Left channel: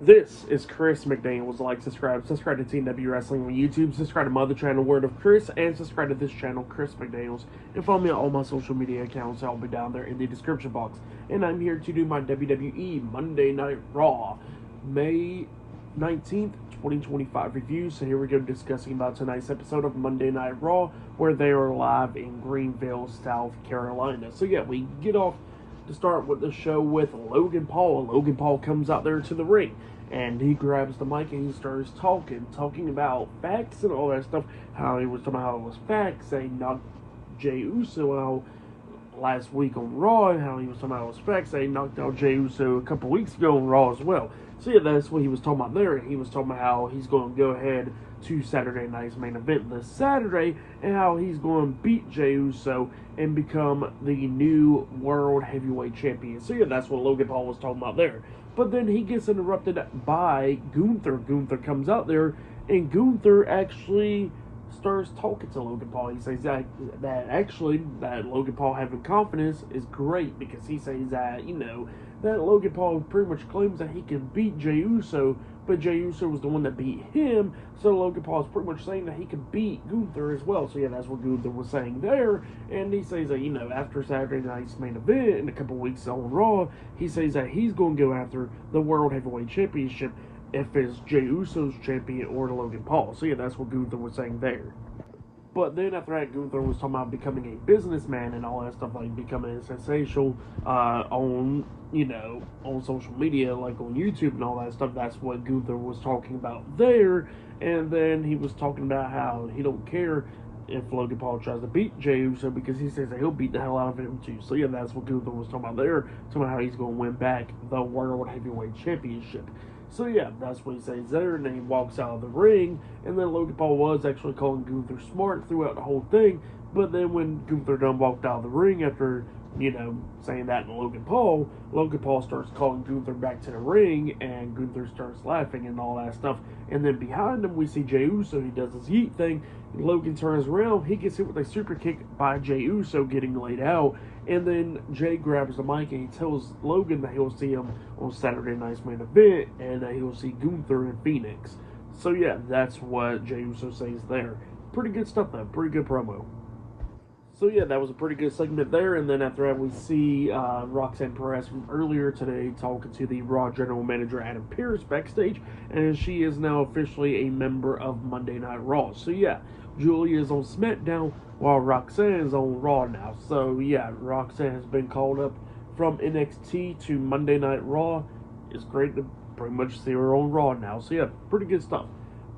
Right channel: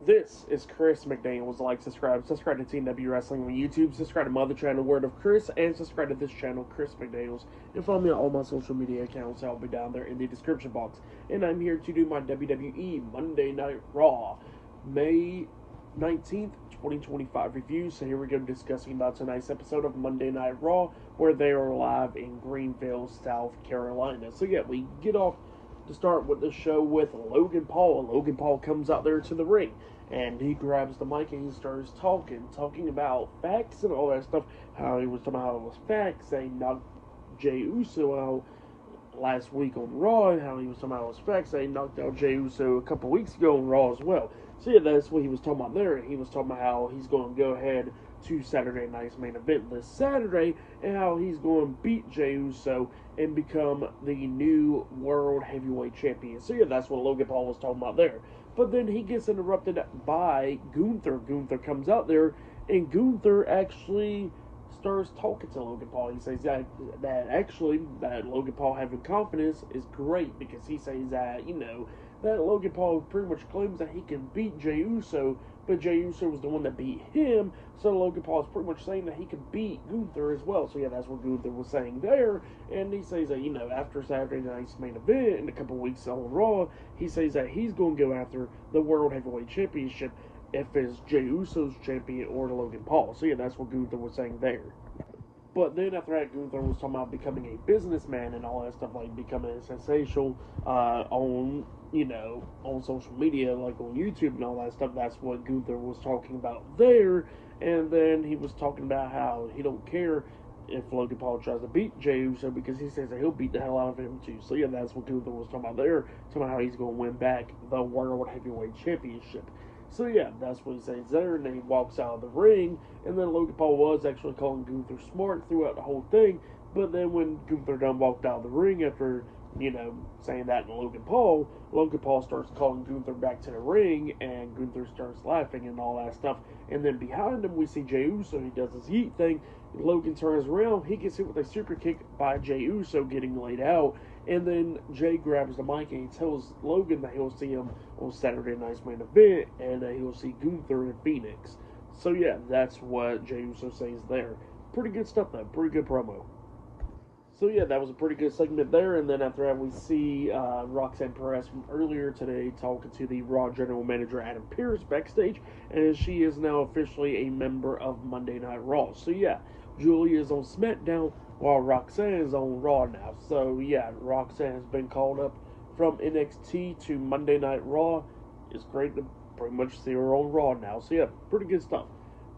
This is Chris McDaniels. Like, subscribe to TNW Wrestling on YouTube, subscribe to my other channel, Word of Chris, and subscribe to this channel, Chris McDaniels. And follow me on all my social media accounts. I'll be down there in the description box. And I'm here to do my WWE Monday Night Raw, May 19th, 2025 review. So here we go, discussing about tonight's episode of Monday Night Raw, where they are live in Greenville, South Carolina. So yeah, we get off to start with the show with Logan Paul. Logan Paul comes out there to the ring, and he grabs the mic and he starts talking about facts and all that stuff. How he was talking about how it was facts, saying knocked Jey Uso out last week on Raw, and how he was talking about it was facts, saying knocked out Jey Uso a couple weeks ago on Raw as well. So yeah, that's what he was talking about there, and he was talking about how he's going to go ahead to Saturday night's main event this Saturday, and how he's going to beat Jey Uso and become the new World Heavyweight Champion. So yeah, that's what Logan Paul was talking about there. But then he gets interrupted by Gunther. Gunther comes out there, and Gunther actually starts talking to Logan Paul. He says that Logan Paul having confidence is great, because he says that, that Logan Paul pretty much claims that he can beat Jey Uso, but Jey Uso was the one that beat him, so Logan Paul is pretty much saying that he can beat Gunther as well. So yeah, that's what Gunther was saying there, and he says that, after Saturday night's main event in a couple weeks on Raw, he says that he's going to go after the World Heavyweight Championship if it's Jey Uso's champion or Logan Paul. So yeah, that's what Gunther was saying there. But then after that, Gunther was talking about becoming a businessman and all that stuff, like becoming sensational on social media, like on YouTube and all that stuff. That's what Gunther was talking about there. And then he was talking about how he don't care if Logan Paul tries to beat Jey Uso, because he says that he'll beat the hell out of him too. So yeah, that's what Gunther was talking about there, talking about how he's going to win back the World Heavyweight Championship. So yeah, that's what he says there, and then he walks out of the ring, and then Logan Paul was actually calling Gunther smart throughout the whole thing, but then when Gunther done walked out of the ring after, saying that to Logan Paul starts calling Gunther back to the ring, and Gunther starts laughing and all that stuff, and then behind him we see Jey Uso. He does his yeet thing, Logan turns around, he gets hit with a super kick by Jey Uso, getting laid out, and then Jey grabs the mic and he tells Logan that he'll see him on Saturday night's main event, and that he'll see Gunther in Phoenix. So yeah, that's what Jey Uso says there. Pretty good stuff though, pretty good promo. So yeah, that was a pretty good segment there, and then after that we see Roxanne Perez from earlier today talking to the Raw General Manager Adam Pearce backstage, and she is now officially a member of Monday Night Raw. So yeah, Julia is on SmackDown while Roxanne is on Raw now. So yeah, Roxanne has been called up from NXT to Monday Night Raw. It's great to pretty much see her on Raw now. So yeah, pretty good stuff.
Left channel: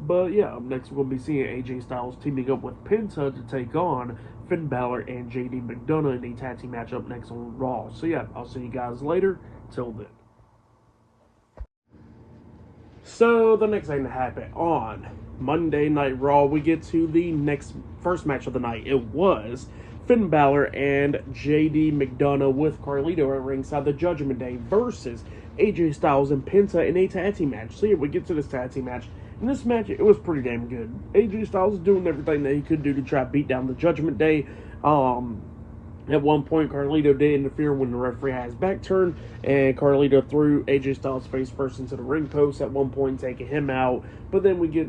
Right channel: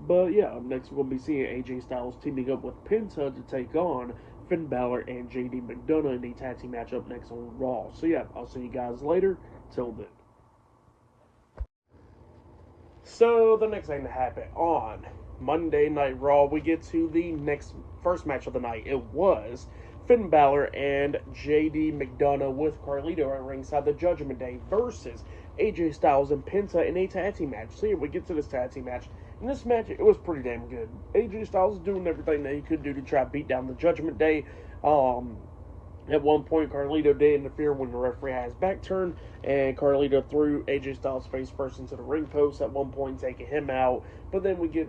But yeah, up next we're going to be seeing AJ Styles teaming up with Penta to take on Finn Balor and JD McDonough in a tag team match up next on Raw. So yeah, I'll see you guys later. Till then. So the next thing to happen on Monday Night Raw, we get to the first match of the night. It was Finn Balor and JD McDonough with Carlito at ringside, the Judgment Day, versus AJ Styles and Penta in a tag team match. So yeah, we get to this tag team match. In this match, it was pretty damn good. AJ Styles is doing everything that he could do to try to beat down the Judgment Day. At one point, Carlito did interfere when the referee had his back turned, and Carlito threw AJ Styles face first into the ring post at one point, taking him out. But then we get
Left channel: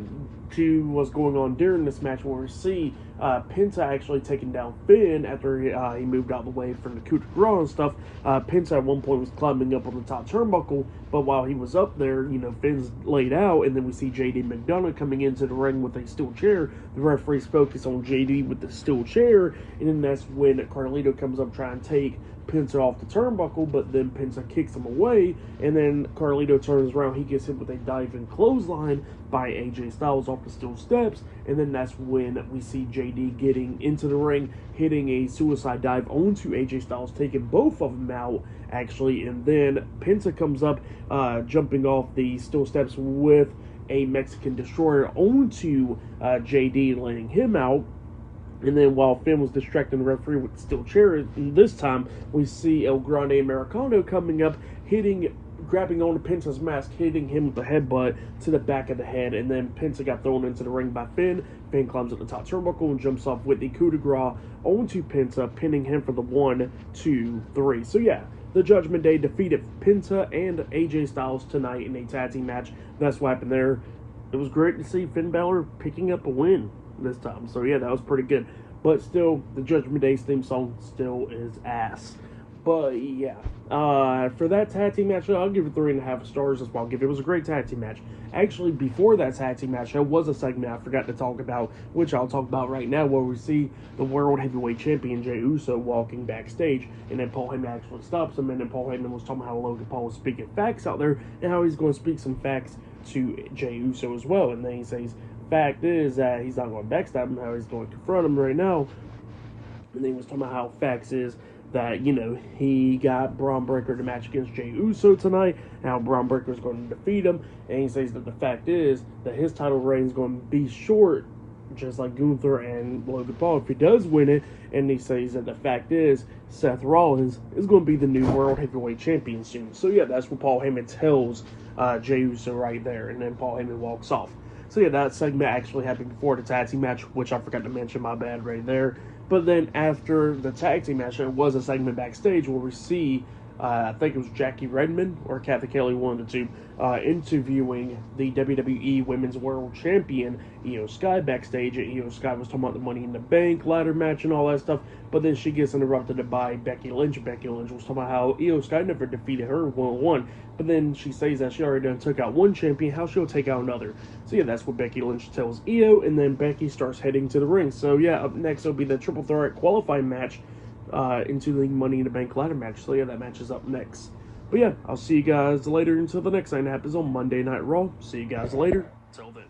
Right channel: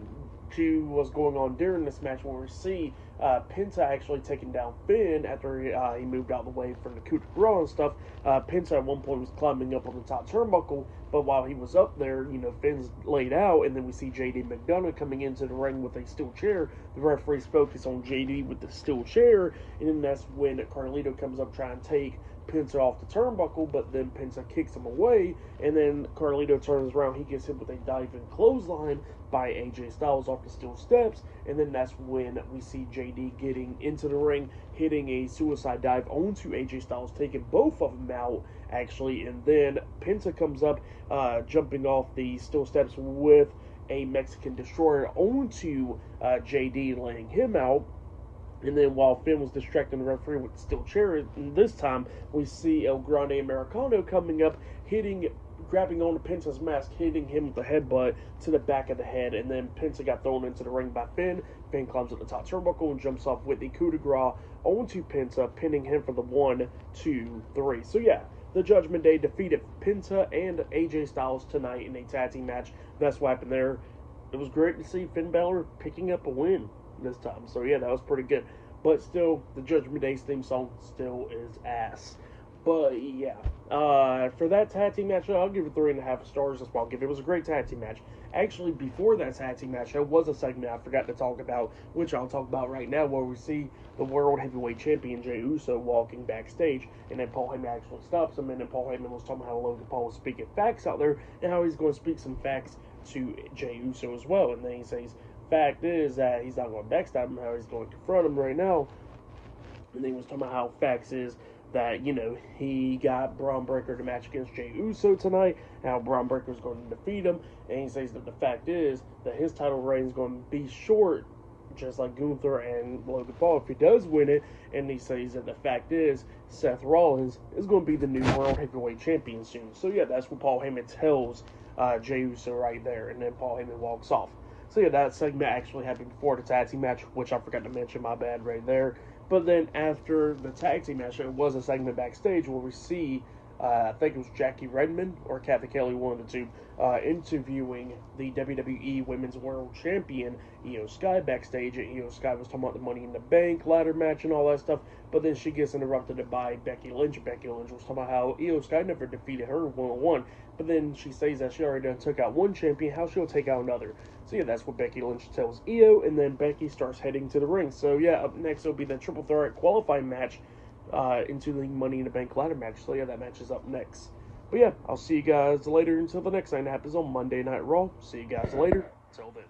to what's going on during this match, where we see Penta actually taking down Finn after he moved out of the way from the coup de grace and stuff. Penta at one point was climbing up on the top turnbuckle, but while he was up there, Finn's laid out, and then we see JD McDonough coming into the ring with a steel chair. The referees focus on JD with the steel chair, and then that's when Carlito comes up trying to take Penta off the turnbuckle, but then Penta kicks him away, and then Carlito turns around, he gets hit with a diving clothesline by AJ Styles off the steel steps, and then that's when we see JD getting into the ring, hitting a suicide dive onto AJ Styles, taking both of them out, actually, and then Penta comes up, jumping off the steel steps with a Mexican Destroyer onto JD, laying him out. And then while Finn was distracting the referee with the steel chair, this time we see El Grande Americano coming up, grabbing onto Penta's mask, hitting him with the headbutt to the back of the head, and then Penta got thrown into the ring by Finn. Finn climbs at the top turnbuckle and jumps off with the coup de grace onto Penta, pinning him for the 1, 2, 3. So yeah, the Judgment Day defeated Penta and AJ Styles tonight in a tag team match. That's what happened there. It was great to see Finn Balor picking up a win this time. So yeah, that was pretty good. But still, the Judgment Day's theme song still is ass. But yeah, for that tag team match, I'll give it 3.5 stars as well. It was a great tag team match. Actually, before that tag team match, there was a segment I forgot to talk about, which I'll talk about right now, where we see the World Heavyweight Champion Jey Uso walking backstage, and then Paul Heyman actually stops him, and then Paul Heyman was talking about how Logan Paul was speaking facts out there, and how he's going to speak some facts to Jey Uso as well. And then he says, fact is that he's not going to backstab him, how he's going to confront him right now. And then he was talking about how facts is that, you know, he got Bron Breakker to match against Jey Uso tonight, and how Bron Breakker is going to defeat him. And he says that the fact is that his title reign is going to be short, just like Gunther and Logan Paul, if he does win it. And he says that the fact is Seth Rollins is going to be the new World Heavyweight Champion soon. So yeah, that's what Paul Heyman tells Jey Uso right there, and then Paul Heyman walks off. So yeah, that segment actually happened before the tag team match, which I forgot to mention, my bad right there. But then after the tag team match, there was a segment backstage where we see, I think it was Jackie Redmond or Kathy Kelly, one of the two, interviewing the WWE Women's World Champion, Io Sky, backstage. And Io Sky was talking about the Money in the Bank ladder match and all that stuff. But then she gets interrupted by Becky Lynch. Becky Lynch was talking about how Io Sky never defeated her one-on-one. But then she says that she already done took out one champion, how she'll take out another. So yeah, that's what Becky Lynch tells Io, and then Becky starts heading to the ring. So yeah, up next will be the Triple Threat qualifying match into the Money in the Bank ladder match. So yeah, that match is up next. But yeah, I'll see you guys later until the next thing that happens on Monday Night Raw. See you guys later. Till then.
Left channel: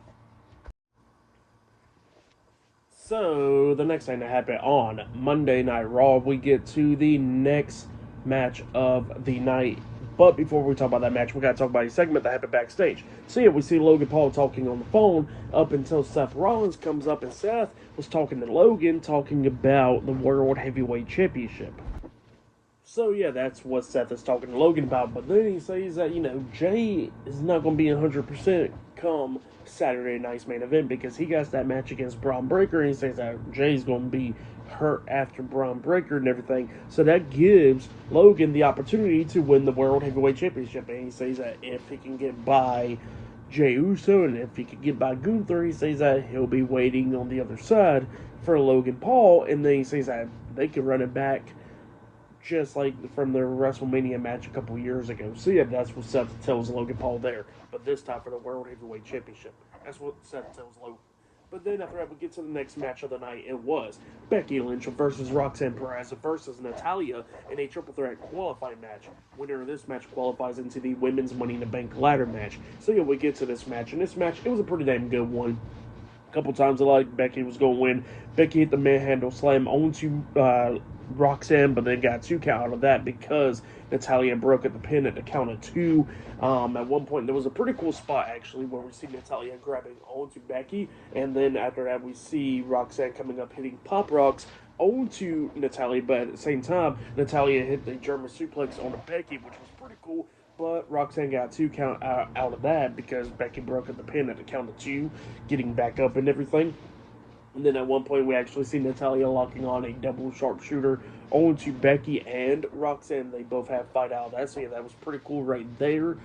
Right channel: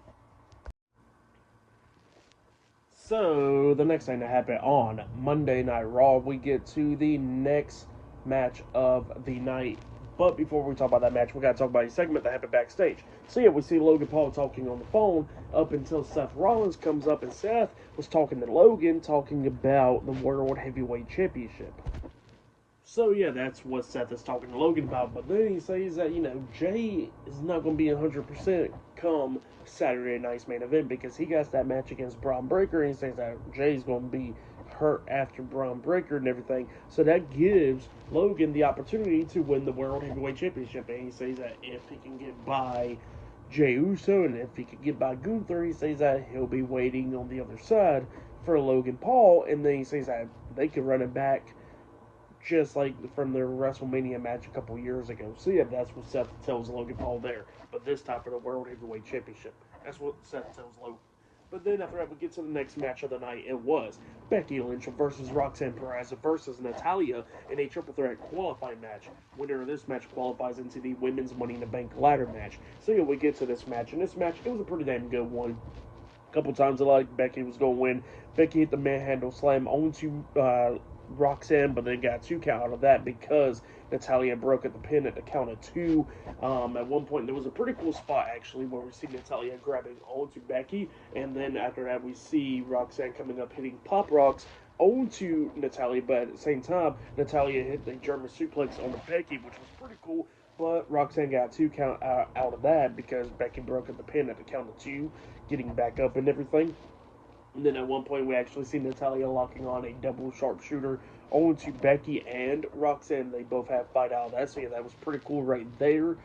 So the next thing that happened on Monday Night Raw, we get to the next match of the night. But before we talk about that match, we got to talk about a segment that happened backstage. So yeah, we see Logan Paul talking on the phone up until Seth Rollins comes up, and Seth was talking to Logan, talking about the World Heavyweight Championship. So yeah, that's what Seth is talking to Logan about. But then he says that, you know, Jey is not going to be 100% come Saturday night's main event, because he got that match against Bron Breakker, and he says that Jey's going to be hurt after Bron Breakker and everything. So that gives Logan the opportunity to win the World Heavyweight Championship. And he says that if he can get by Jey Uso, and if he can get by Gunther, he says that he'll be waiting on the other side for Logan Paul. And then he says that they can run it back just like from their WrestleMania match a couple years ago. So yeah, that's what Seth tells Logan Paul there. But this time for the World Heavyweight Championship. That's what Seth tells Logan. But then after that, we get to the next match of the night. It was Becky Lynch versus Roxanne Perez versus Natalya in a triple threat qualifying match. Winner of this match qualifies into the Women's Money in the Bank ladder match. So yeah, we get to this match. And this match, it was a pretty damn good one. A couple times I like Becky was going to win. Becky hit the manhandle slam onto Roxanne, but then got 2 count out of that because Natalya broke at the pin at the count of 2. At one point, there was a pretty cool spot, actually, where we see Natalya grabbing onto Becky, and then after that, we see Roxanne coming up hitting pop rocks onto Natalya, but at the same time, Natalya hit the German suplex onto Becky, which was pretty cool, but Roxanne got 2 count out of that because Becky broke at the pin at the count of 2, getting back up and everything. And then at one point, we actually see Natalya locking on a double sharpshooter onto Becky and Roxanne. They both have fight out of that, so yeah, that was pretty cool right there.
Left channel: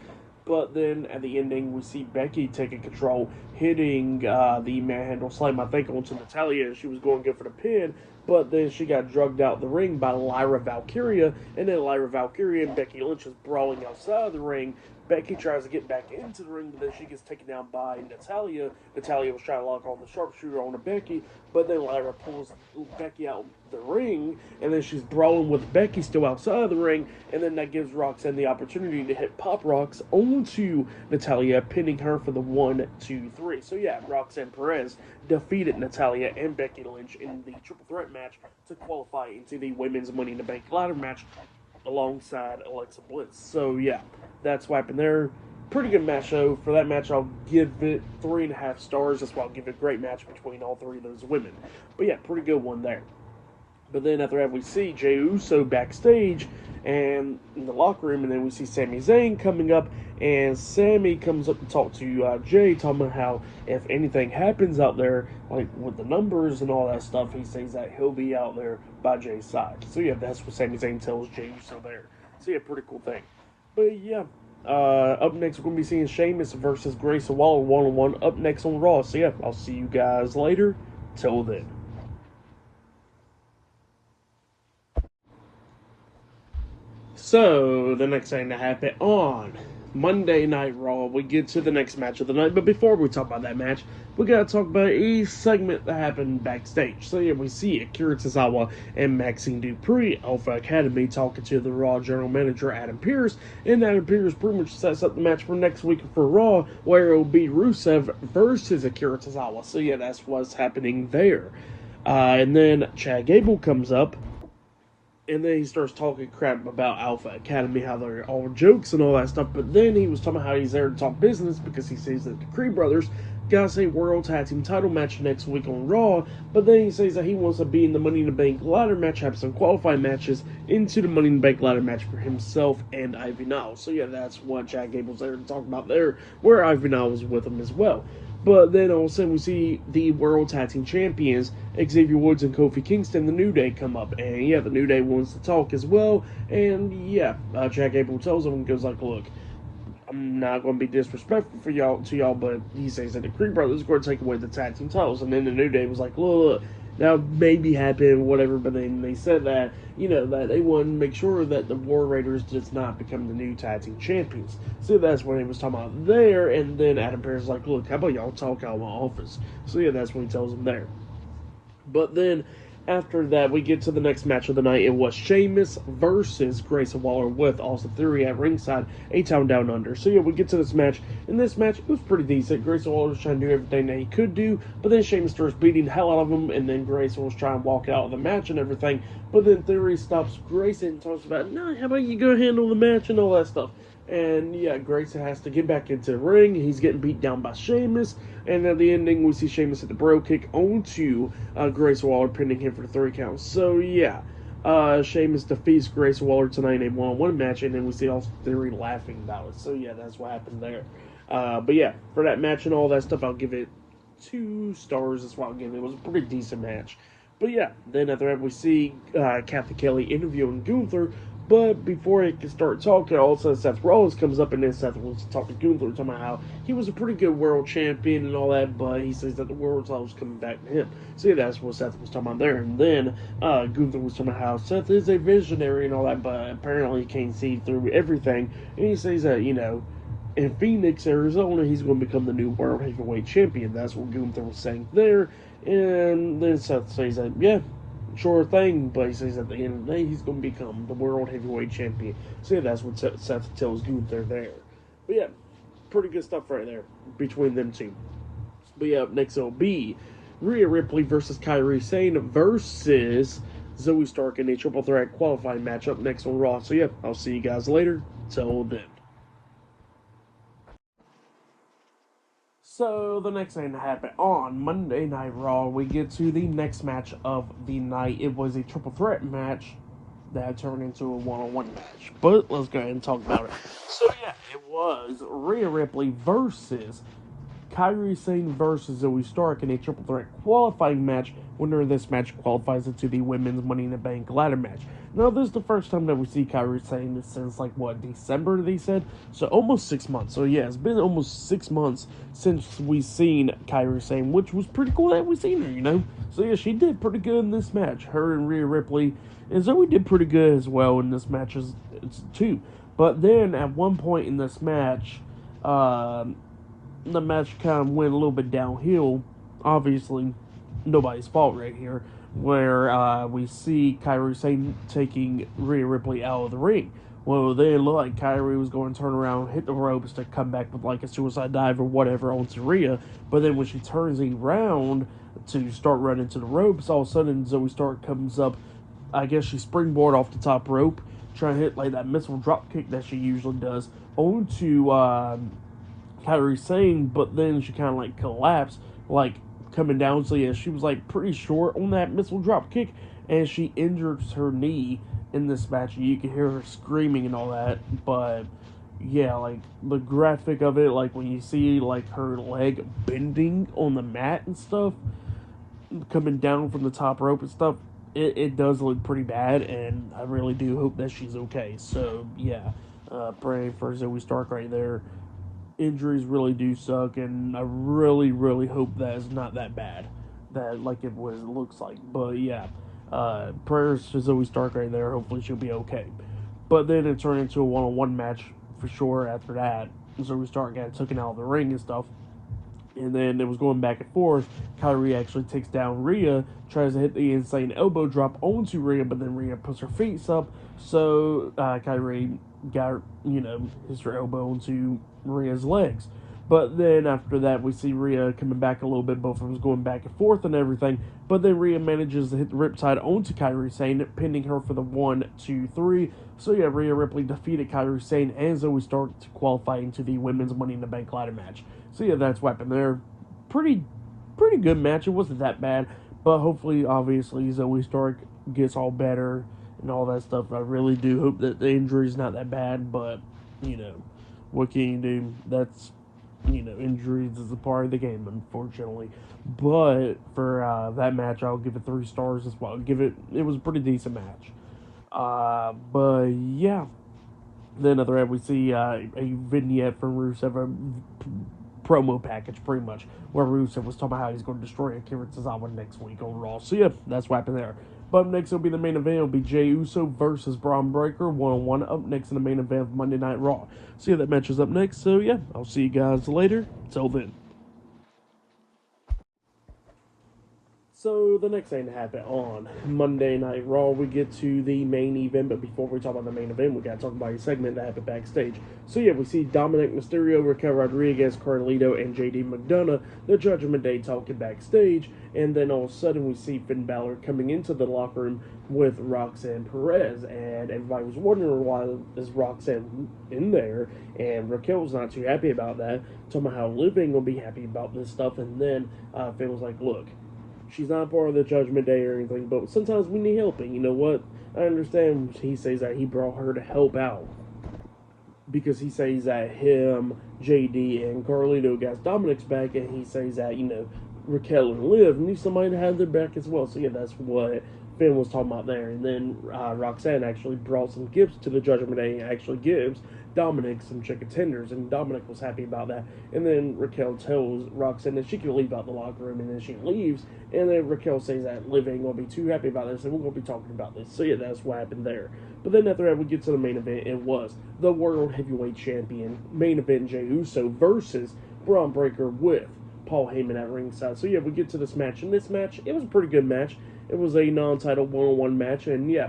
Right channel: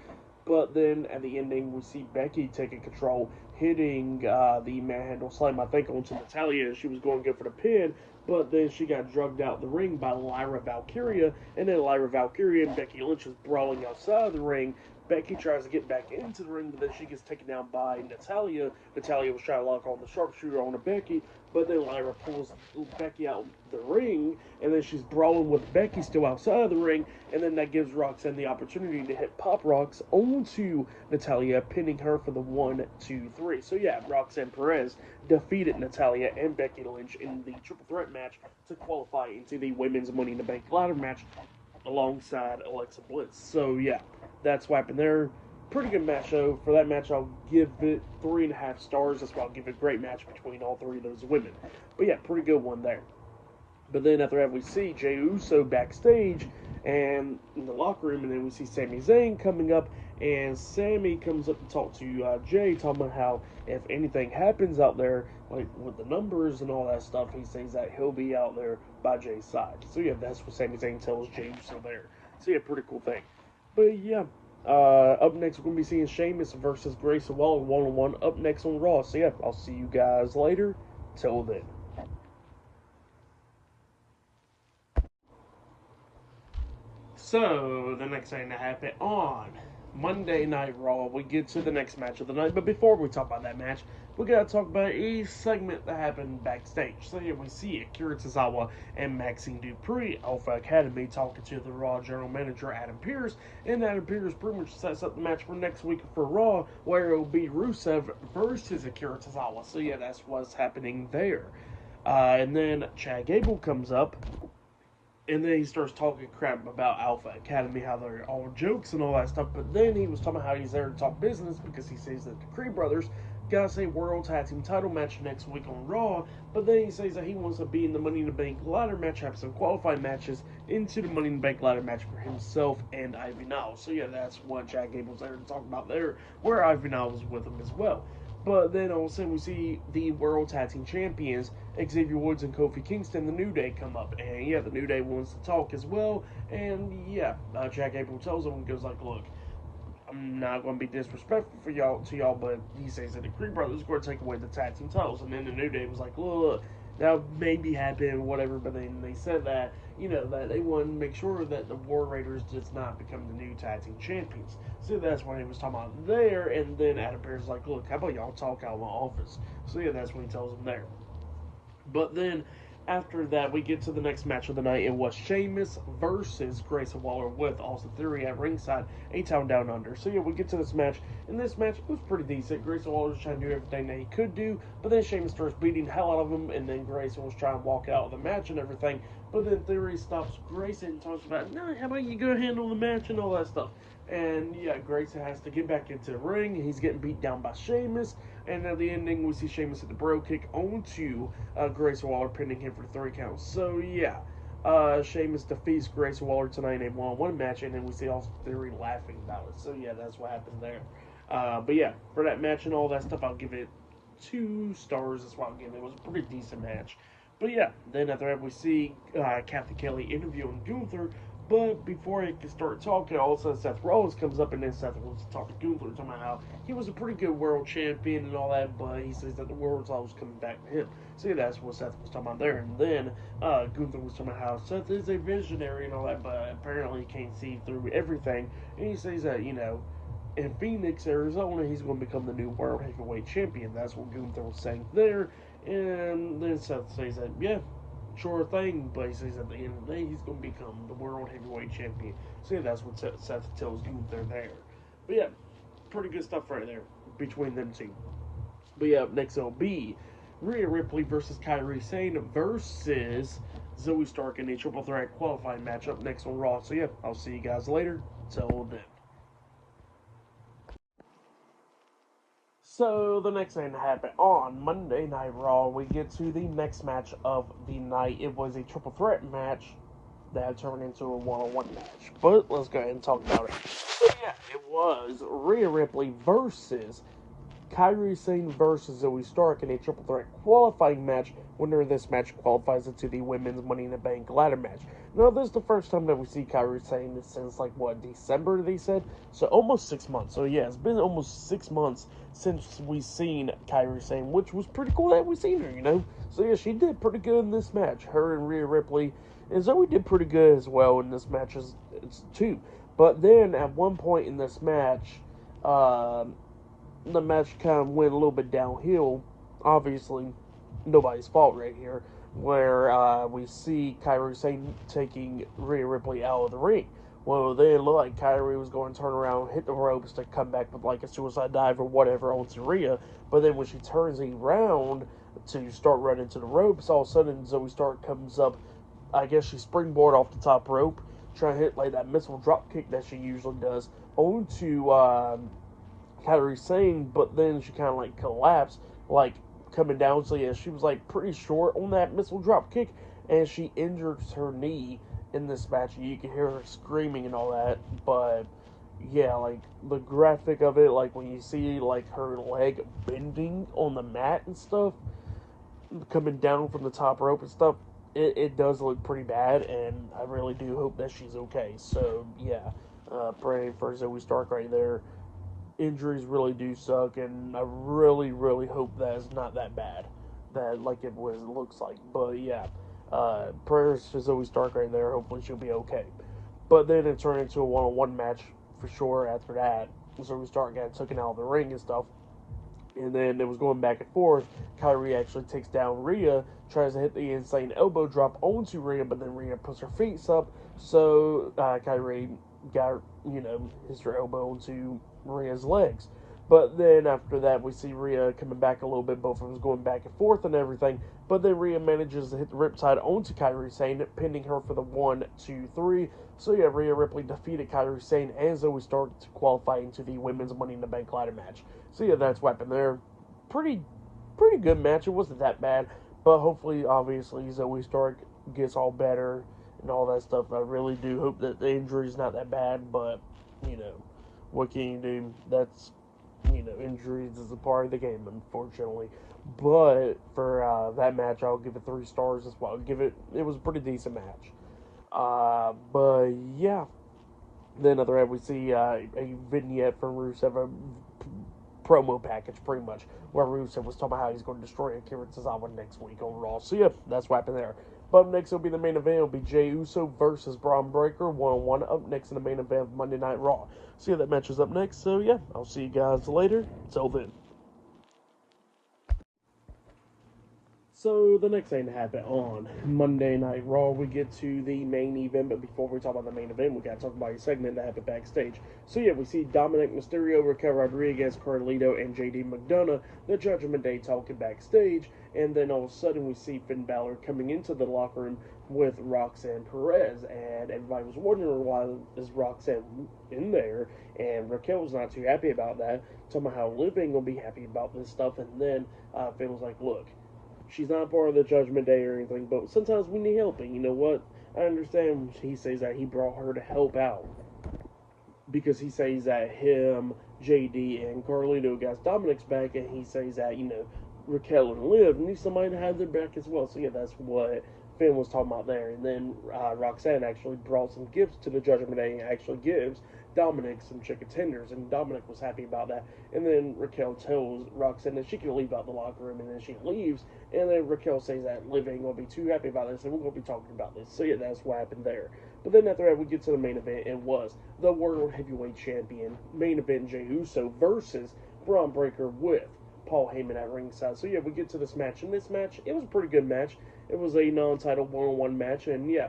But then at the ending, we see Becky taking control, hitting the manhandle slam, I think, onto Natalya. She was going good for the pin, but then she got drugged out the ring by Lyra Valkyria, and then Lyra Valkyria and Becky Lynch was brawling outside of the ring. Becky tries to get back into the ring, but then she gets taken down by Natalya. Natalya was trying to lock on the sharpshooter on Becky, but then Lyra pulls Becky out the ring, and then she's brawling with Becky still outside of the ring, and then that gives Roxanne the opportunity to hit pop rocks onto Natalya, pinning her for the 1, 2, 3. So yeah, Roxanne Perez defeated Natalya and Becky Lynch in the triple threat match to qualify into the Women's Money in the Bank ladder match alongside Alexa Bliss. So yeah, that's what happened there. Pretty good match, though. For that match, I'll give it 3.5 stars. That's why I'll give it a great match between all 3 of those women. But yeah, pretty good one there. But then after that, we see Jey Uso backstage and in the locker room, and then we see Sami Zayn coming up, and Sami comes up to talk to Jey, talking about how if anything happens out there, like with the numbers and all that stuff, he says that he'll be out there by Jey's side. So yeah, that's what Sami Zayn tells Jey Uso there. So yeah, pretty cool thing. But yeah, up next we're gonna be seeing Sheamus versus Grayson Waller 1-on-1 up next on Raw. So yeah, I'll see you guys later. Till then. So the next thing to happen on Monday Night Raw, we get to the next match of the night. But before we talk about that match, we gotta talk about a segment that happened backstage. So yeah, we see Akira Tozawa and Maxine Dupree, Alpha Academy, talking to the Raw general manager Adam Pearce, and Adam Pearce pretty much sets up the match for next week for Raw, where it will be Rusev versus Akira Tozawa. So yeah, that's what's happening there. And then Chad Gable comes up, and then he starts talking crap about Alpha Academy, how they're all jokes and all that stuff. But then he was talking about how he's there to talk business because he says that the Creed brothers got a World Tag Team title match next week on Raw. But then he says that he wants to be in the Money in the Bank ladder match, have some qualifying matches into the Money in the Bank ladder match for himself and Ivy Niles. So yeah, that's what Chad Gable's there to talk about there, where Ivy Niles was with him as well. But then all of a sudden we see the World Tag Team Champions, Xavier Woods and Kofi Kingston, the New Day, come up. And yeah, the New Day wants to talk as well. And yeah, Chad Gable tells him and goes like, look, I'm not going to be disrespectful for y'all, but he says that the Creed brothers are going to take away the tag team titles. And then the New Day was like, look, that may be happening, whatever. But then they said that, that they want to make sure that the War Raiders does not become the new tag team champions. So that's what he was talking about there. And then Adam Pearce is like, look, how about y'all talk out of my office? So yeah, that's what he tells him there. But then after that, we get to the next match of the night. It was Sheamus versus Grayson Waller with Austin Theory at ringside, A Town Down Under. So yeah, we get to this match. In this match, it was pretty decent. Grayson Waller was trying to do everything that he could do, but then Sheamus starts beating the hell out of him, and then Grayson was trying to walk out of the match and everything. But then Theory stops Grayson and talks about, no, how about you go handle the match and all that stuff. And yeah, Grayson has to get back into the ring. He's getting beat down by Sheamus. And at the ending, we see Sheamus hit the bro kick onto Grayson Waller, pinning him for the 3 count. So yeah, Sheamus defeats Grayson Waller tonight in a one-on-one match. And then we see Austin Theory laughing about it. So yeah, that's what happened there. But yeah, for that match and all that stuff, I'll give it 2 stars. That's what I'll give it. It was a pretty decent match. But yeah, then after that, we see Kathy Kelly interviewing Gunther. But before he can start talking, all of a sudden Seth Rollins comes up, and then Seth wants to talk to Gunther, talking about how he was a pretty good world champion and all that, but he says that the world title was coming back to him. So yeah, that's what Seth was talking about there. And then Gunther was talking about how Seth is a visionary and all that, but apparently he can't see through everything. And he says that, in Phoenix, Arizona, he's going to become the new world heavyweight champion. That's what Gunther was saying there. And then Seth says that, yeah, sure thing, but he says at the end of the day, he's going to become the world heavyweight champion. So yeah, that's what Seth tells Gunther there. But yeah, pretty good stuff right there between them two. But yeah, up next it'll be Rhea Ripley versus Kairi Sane versus Zoe Stark in a triple threat qualifying match up next on Raw. So yeah, I'll see you guys later. Till then. So the next thing to happen on Monday Night Raw, we get to the next match of the night. It was a triple threat match that turned into a one-on-one match. But let's go ahead and talk about it. So yeah, it was Rhea Ripley versus Kairi Sane versus Zoe Stark in a triple threat qualifying match. Winner of this match qualifies into the women's Money in the Bank ladder match. Now, this is the first time that we see Kairi Sane since, December, they said? So, almost 6 months. So, yeah, it's been almost 6 months since we've seen Kairi Sane, which was pretty cool that we've seen her, So, yeah, she did pretty good in this match. Her and Rhea Ripley. And Zoe did pretty good as well in this match, too. But then, at one point in this match, the match kind of went a little bit downhill. Obviously, nobody's fault right here, where we see Kairi Sane taking Rhea Ripley out of the ring. Well, then it looked like Kairi was going to turn around, hit the ropes to come back with a suicide dive or whatever onto Rhea. But then when she turns around to start running to the ropes, all of a sudden Zoe Stark comes up. I guess she springboard off the top rope, trying to hit that missile drop kick that she usually does onto Kairi Sane, but then she kind of collapsed, coming down. So yeah, she was pretty short on that missile drop kick, and she injures her knee in this match. You can hear her screaming and all that, but yeah, the graphic of it, when you see her leg bending on the mat and stuff, coming down from the top rope and stuff, it does look pretty bad, and I really do hope that she's okay. So yeah, praying for Zoe Stark right there. Injuries really do suck, and I really, really hope that it's not that bad, that like it was looks like. But yeah, prayers to Zoe Stark right there. Hopefully she'll be okay. But then it turned into a one-on-one match for sure. After that, Zoe Stark got taken out of the ring and stuff. And then it was going back and forth. Kyrie actually takes down Rhea, tries to hit the insane elbow drop onto Rhea, but then Rhea puts her feet up. So Kyrie got, hits her elbow onto Rhea's legs. But then after that, we see Rhea coming back a little bit. Both of them going back and forth and everything. But then Rhea manages to hit the Riptide onto Kyrie Sane, pinning her for the 1, 2, 3. So yeah, Rhea Ripley defeated Kyrie Sane and Zoe Stark to qualify into the Women's Money in the Bank ladder match. So yeah, that's what happened there. Pretty good match. It wasn't that bad, but hopefully, obviously, Zoe Stark gets all better and all that stuff. I really do hope that the injury's not that bad, but what can you do? That's injuries is a part of the game, unfortunately. But for that match, I'll give it 3 stars as well. It was a pretty decent match. But yeah. Then other end, we see a vignette from Rusev, a promo package, pretty much, where Rusev was talking about how he's going to destroy Akira Tozawa next week on Raw. So yeah, that's what happened there. But up next will be the main event. It'll be Jey Uso versus Bron Breakker, 1-on-1, up next in the main event of Monday Night Raw. So yeah, that match is up next. So yeah, I'll see you guys later. Till then. So the next thing to happen on Monday Night Raw, we get to the main event. But before we talk about the main event, we gotta talk about a segment that happened backstage. So yeah, we see Dominic Mysterio, Raquel Rodriguez, Carlito, and JD McDonough, the Judgment Day, talking backstage. And then all of a sudden, we see Finn Balor coming into the locker room with Roxanne Perez, and everybody was wondering why is Roxanne in there, and Raquel was not too happy about that. Talking about how Liv ain't gonna be happy about this stuff, and then Finn was like, "Look, she's not part of the Judgment Day or anything, but sometimes we need help. And you know what? I understand." He says that he brought her to help out because he says that him, JD, and Carlito got Dominic's back, and he says that Raquel and Liv need somebody to have their back as well. So yeah, that's what Finn was talking about there. And then Roxanne actually brought some gifts to the Judgment Day and actually gives Dominic some chicken tenders, and Dominic was happy about that. And then Raquel tells Roxanne that she can leave out the locker room, and then she leaves. And then Raquel says that Liv ain't gonna be too happy about this, and we're gonna be talking about this. So yeah, that's what happened there. But then after that, we get to the main event. It was the World Heavyweight Champion main event: Jey Uso versus Bron Breakker with Paul Heyman at ringside. So yeah, we get to this match. And this match, it was a pretty good match. It was a non-title one-on-one match, and yeah,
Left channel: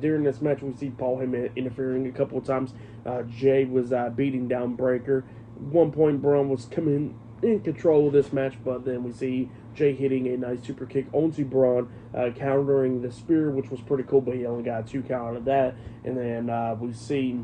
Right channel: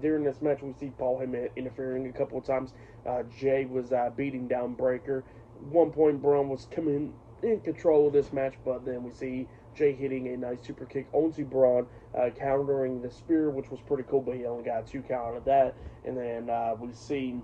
during this match we see Paul Heyman interfering a couple of times. Jay was beating down Breakker. At one point, Braun was coming in control of this match, but then we see Jay hitting a nice super kick onto Braun, countering the spear, which was pretty cool, but he only got a 2 count of that. And then we see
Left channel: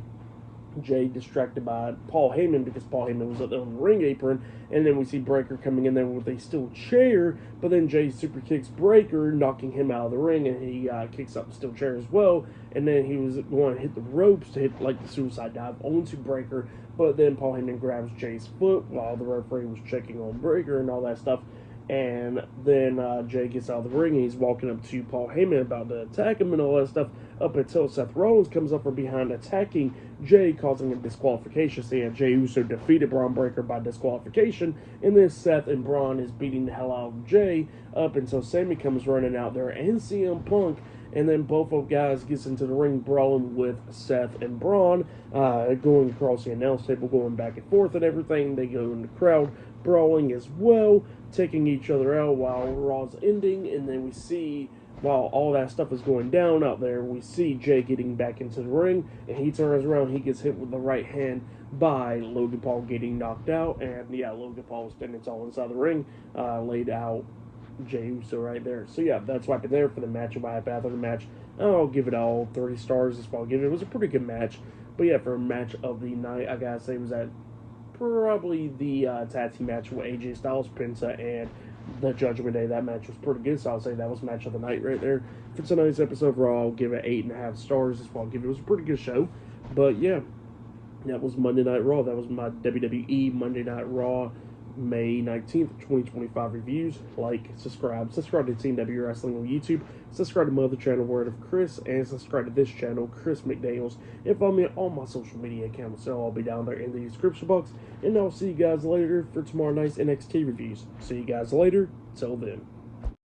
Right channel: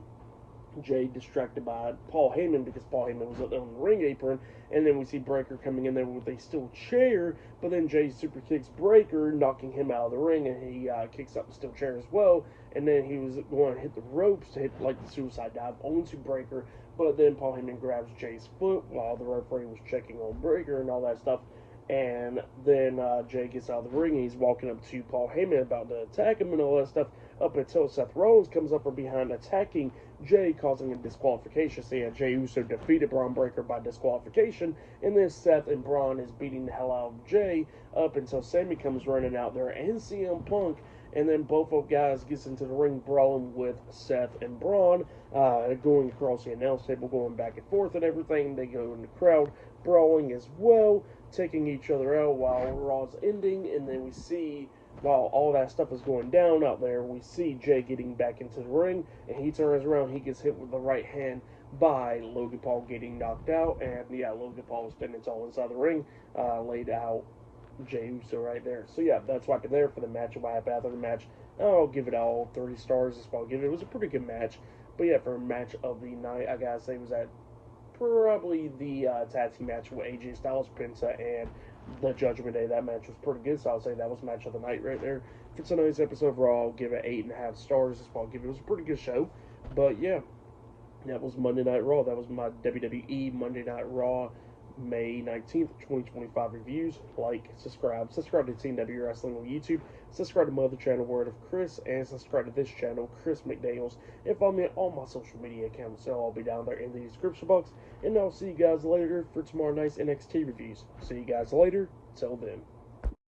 Jay distracted by Paul Heyman because Paul Heyman was up there on the ring apron, and then we see Breakker coming in there with a steel chair, but then Jay super kicks Breakker, knocking him out of the ring, and he kicks up the steel chair as well, and then he was going to hit the ropes to hit like the suicide dive onto Breakker, but then Paul Heyman grabs Jay's foot while the referee was checking on Breakker and all that stuff. And then Jay gets out of the ring, and he's walking up to Paul Heyman about to attack him and all that stuff, up until Seth Rollins comes up from behind attacking Jay, causing a disqualification. So yeah, Jey Uso defeated Bron Breakker by disqualification, and then Seth and Braun is beating the hell out of Jay up until Sammy comes running out there and CM Punk, and then both of guys gets into the ring brawling with Seth and Braun, going across the announce table, going back and forth and everything. They go in the crowd brawling as well, taking each other out while Raw's ending, and then we see, while all that stuff is going down out there, we see Jay getting back into the ring, and he turns around, he gets hit with the right hand by Logan Paul, getting knocked out, and yeah, Logan Paul standing tall inside the ring, laid out Jey Uso right there. So yeah, that's what happened there for the match. What happened after the match, I'll give it all 3 stars. Is what I'll give it. It was a pretty good match, but yeah, for a match of the night, I gotta say it was at probably the tag team match with AJ Styles, Penta, and the Judgment Day. That match was pretty good, so I'll say that was match of the night right there. For tonight's episode of Raw, I'll give it 8.5 stars. That's what I'll give it. It was a pretty good show, but yeah, that was Monday Night Raw. That was my WWE Monday Night Raw May 19th, 2025 reviews. Like, subscribe to TNW Wrestling on YouTube, subscribe to my other channel, Word of Chris, and subscribe to this channel, Chris McDaniels, and follow me on all my social media accounts. They'll all be down there in the description box, and I'll see you guys later for tomorrow night's NXT reviews. See you guys later. Till then.